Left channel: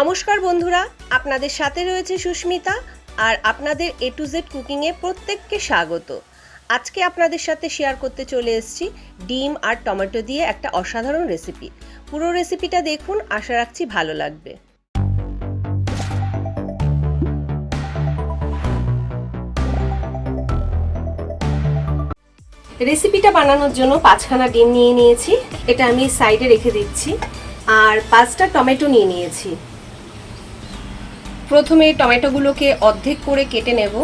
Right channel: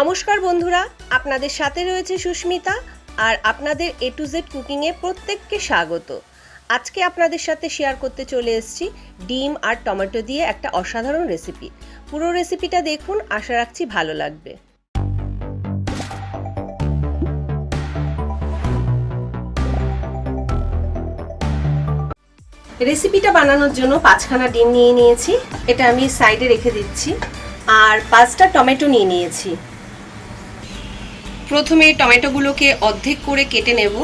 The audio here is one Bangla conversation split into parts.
নমস্কার বন্ধুরা, আপনাদের সাথে রয়েছে সুস্মিতা আর আপনাদের এ টু জেড কুকিংয়ে প্রত্যেককে স্বাগত। আজকে আপনাদের সাথে শেয়ার করতে চলে এসেছি ডিম আর টমেটো দিয়ে একটা অসাধারণ রেসিপি। পুরো রেসিপিটা দেখুন, আশা রাখছি ভালো লাগবে। রেসিপিটা বানানোর জন্য 5খানা ডিম নিয়ে নিয়েছি, এটা আমি সাইডে রেখে দিচ্ছি। আর 5টা টমেটো নিয়ে নিয়েছি। প্রথমে টমেটোগুলোকে অর্ধেক করে কেটে নেব।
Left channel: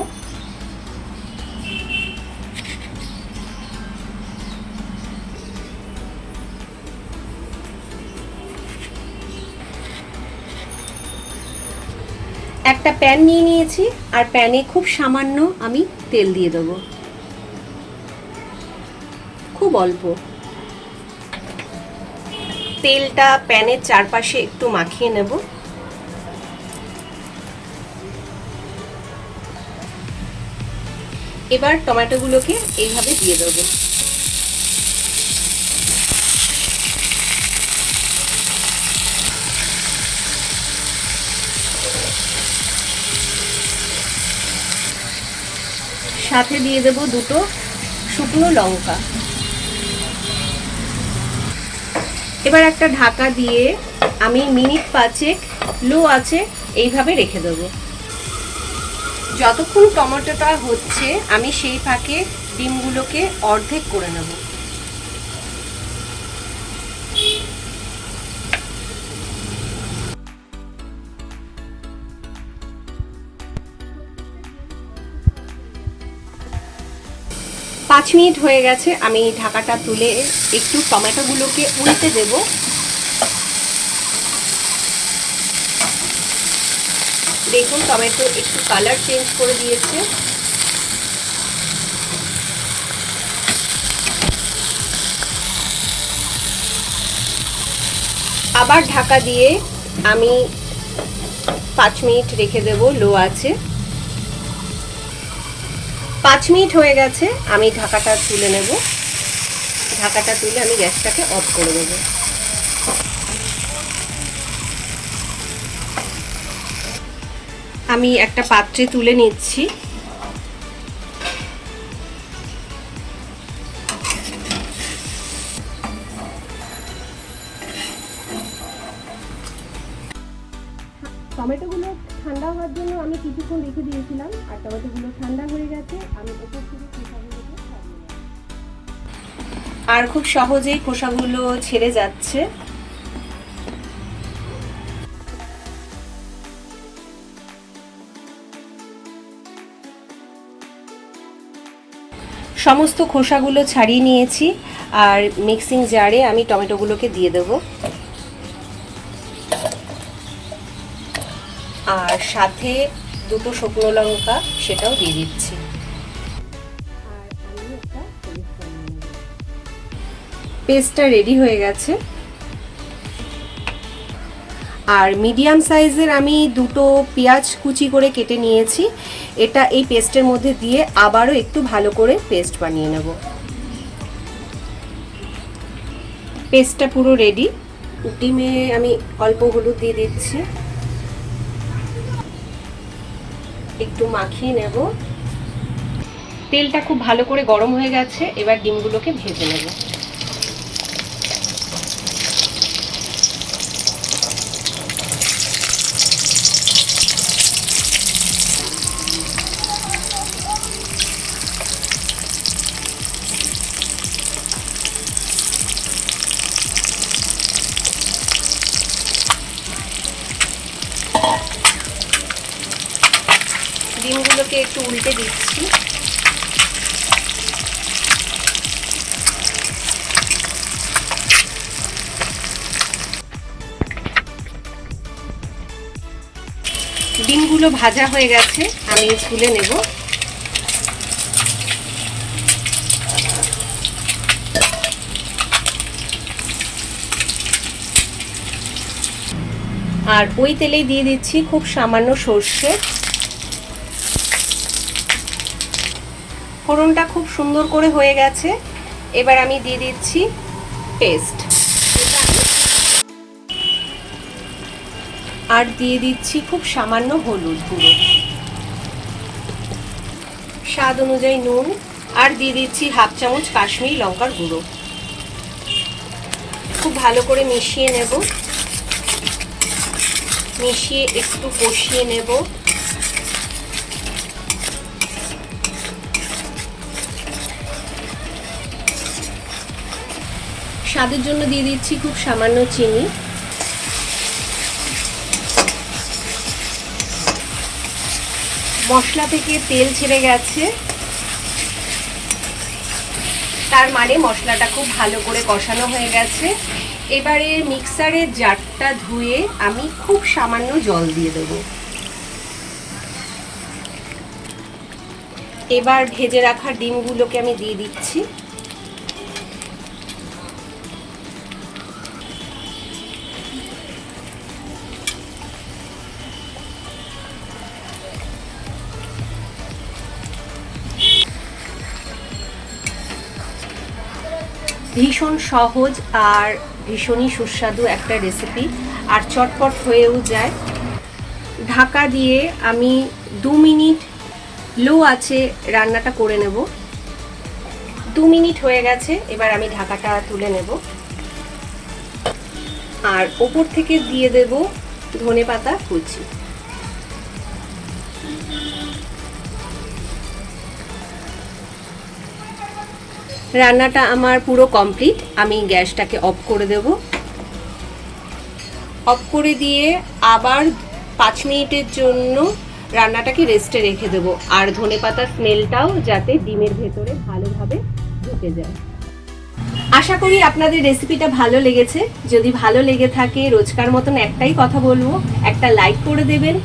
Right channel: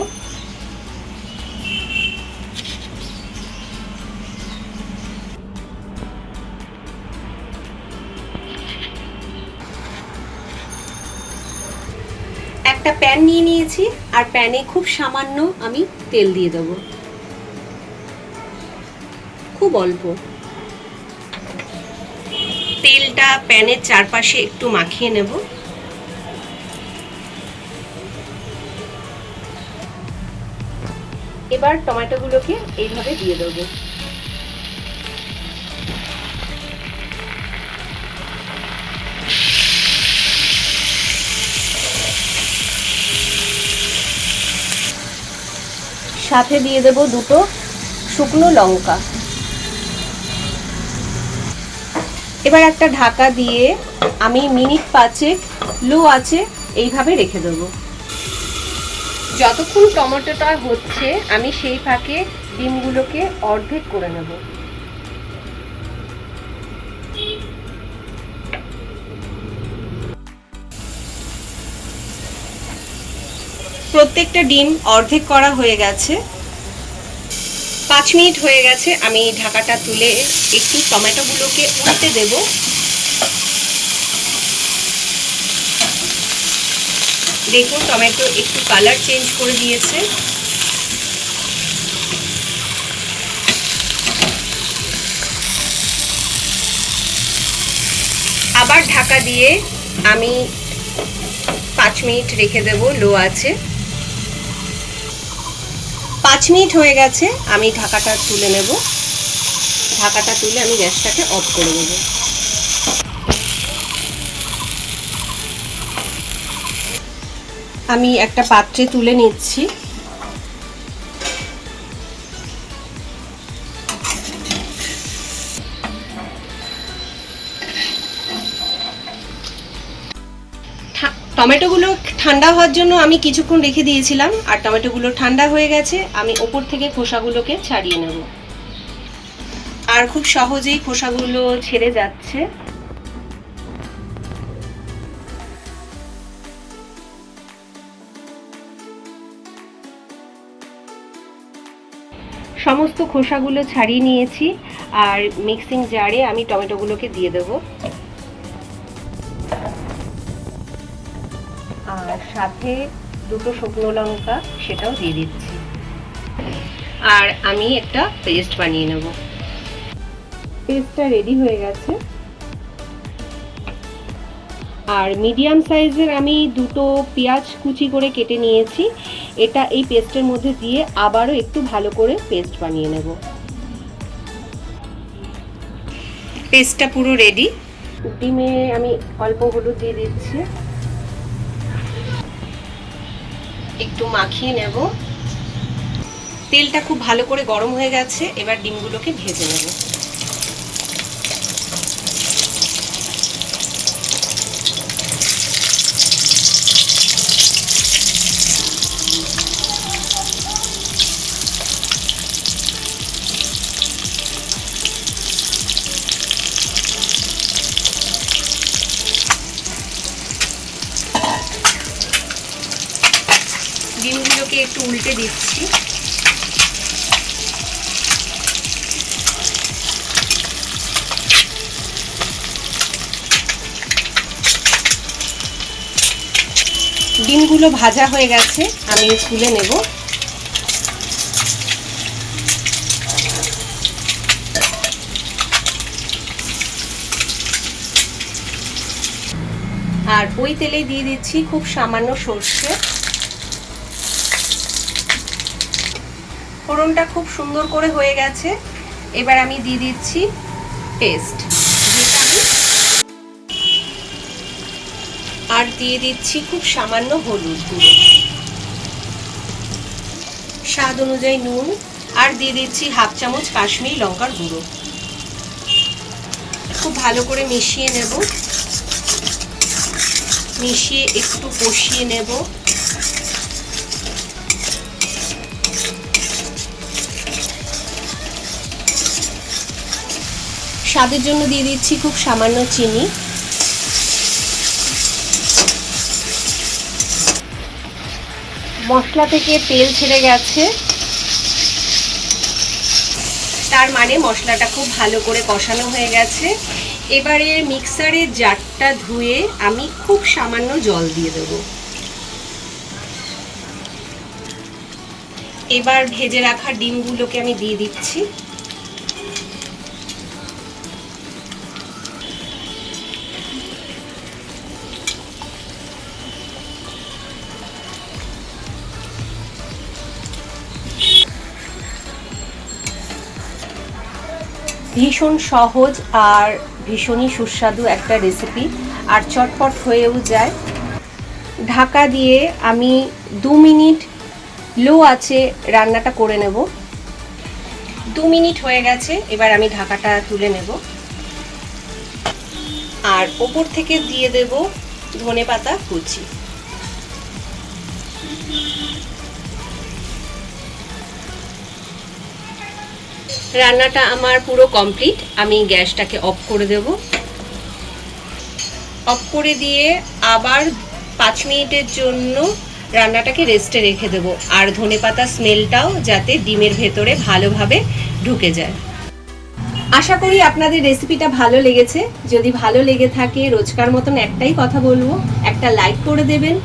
একটা প্যান নিয়ে নিয়েছি আর প্যানে খুব সামান্য আমি তেল দিয়ে দেব, খুব অল্প। তেলটা প্যানের চারপাশে একটু মাখিয়ে নেব। এবার টমেটোগুলোকে এইভাবে দিয়ে দেব। সাথে দিয়ে দেব দুটো শুকনো লঙ্কা। এবার একটা ঢাকা দিয়ে আমি মিনিট 5 লো আঁচে এইভাবে রেখে দেবো। যতক্ষণ টমেটোটা হচ্ছে আমি সেই ফাঁকে ডিমগুলোকে অর্ধেক করে নেব। প্রত্যেকটা ডিম অর্ধেক করা হয়ে গেছে। 5 মিনিট হয়ে গেছে, আমি ঢাকাটা তুলে একটু টমেটোগুলোকে উল্টে দেব। দেখুন টমেটো একটু কালার চেঞ্জ করে দিয়েছে। আবার ঢাকা দিয়ে আমি 5 মিনিট রেখে দেব লো আছে। 5 মিনিট হয়ে গেছে, আমি ঢাকাটা তুলে নেব। ঢাকাটা তুলে আমি গ্যাসটাকে অফ করে দেব। আমি একটা পাত্রে তুলে নিচ্ছি। টমেটোগুলো ঠান্ডা হওয়ার জন্য আমি কিছুক্ষণ রেখে দিয়েছিলাম, আর টমেটোগুলো ঠান্ডা হয়ে গেছে। আমি ওপর থেকে খোসাগুলোকে ছাড়িয়ে নেব। আর খুব সহজেই খোসাগুলো ছেড়ে যাচ্ছে। সমস্ত খোসাগুলো ছাড়িয়ে নিয়েছি আর মিক্সিং জারে আমি টমেটোগুলোকে দিয়ে দেব। আর সাথে দুটো শুকনো লঙ্কা সেটাও দিয়ে দিচ্ছি। আর আমি একটা পেস্ট বানিয়ে নেব। পেস্টটা রেডি হয়ে গেছে। আর মিডিয়াম সাইজের আমি দুটো পেঁয়াজ কুচি করে কেটে নিয়েছি। এটা এই পেস্টের মধ্যে দিয়ে আবারও একটু ভালো করে পেস্ট বানিয়ে নেব। পেস্টটা পুরো রেডি। ডিমে আমি অল্প হলুদ দিয়ে দিচ্ছি, একটু মাখিয়ে নেব। তেলটা খুব ভালো করে গরম হয়ে গেছে, এবার ডিমগুলোকে ভেজে নেব। ডিমগুলোকে একটু উল্টে দিচ্ছি। ডিমগুলো ভাজা হয়ে গেছে, আমি তুলে নেব। আর ওই তেলেই দিয়ে দিচ্ছি খুব সামান্য সর্ষে। ফোড়নটা খুব সুন্দর করে হয়ে গেছে। এবার আমি দিয়ে দিচ্ছি পেস্ট। আর দিয়ে দিচ্ছি খুব সামান্য হলুদ গুঁড়ো, স্বাদ অনুযায়ী নুন, আর দিয়ে দিচ্ছি হাফ চামচ কাশ্মীরি লঙ্কার গুঁড়ো। খুব ভালো করে মিশিয়ে নেব, মিশিয়ে একটু কষিয়ে নেব। স্বাদের জন্য দিয়ে দিচ্ছি খুব সামান্য চিনি। মশলা থেকে তেল ছেড়ে গেছে, তার মানে মশলাটা খুব ভালো করে কষানো হয়ে গেছে। এবারে মিক্সারের জারটা ধুয়ে আমি খুব সামান্য জল দিয়ে দেব। এবার ভেজে রাখা ডিমগুলোকে আমি দিয়ে দিচ্ছি। ভীষণ সহজ আর ভীষণই সুস্বাদু একটা রেসিপি, আর চটপট হয়েও যায়। ঢাকা দিয়ে আমি 2 মিনিট লো আছে রান্নাটা করে নেব। 2 মিনিট হয়ে গেছে, এবার আমি ঢাকাটা তুলে নেব আর ওপর থেকে দিয়ে দেব ধনেপাতা কুচি। রান্নাটা আমার পুরো কমপ্লিট। আমি গ্যাসটাকে অফ করে দেব। অফ করে দিয়ে আবার 5 মিনিটের জন্য রান্নাটাকে রেস্টে রেখে দেব, আর ধনেপাতা স্মেলটাও যাতে ডিমের ভেতরে ভালোভাবে ঢুকে যায়। আশা করি আপনাদের রেসিপিটা ভালো লেগেছে। যদি ভালো লেগে থাকে রোজকার মতন একটাই কথা বলবো, একটা লাইক করে দেবেন।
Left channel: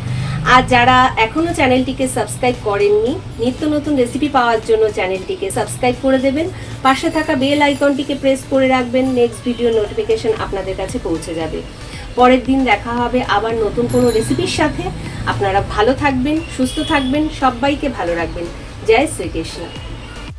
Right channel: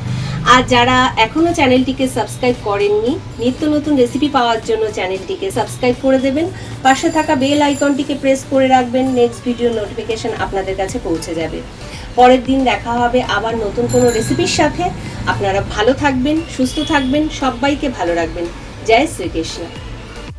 আর যারা এখনো চ্যানেলটিকে সাবস্ক্রাইব করেননি, নিত্য নতুন রেসিপি পাওয়ার জন্য চ্যানেলটিকে সাবস্ক্রাইব করে দেবেন। পাশে থাকা বেল আইকনটিকে প্রেস করে রাখবেন, নেক্সট ভিডিও নোটিফিকেশন আপনাদের কাছে পৌঁছে যাবে। পরের দিন দেখা হবে আবার নতুন কোনো রেসিপির সাথে। আপনারা ভালো থাকবেন, সুস্থ থাকবেন, সবাইকে ভালো রাখবেন। জয় শ্রীকৃষ্ণ।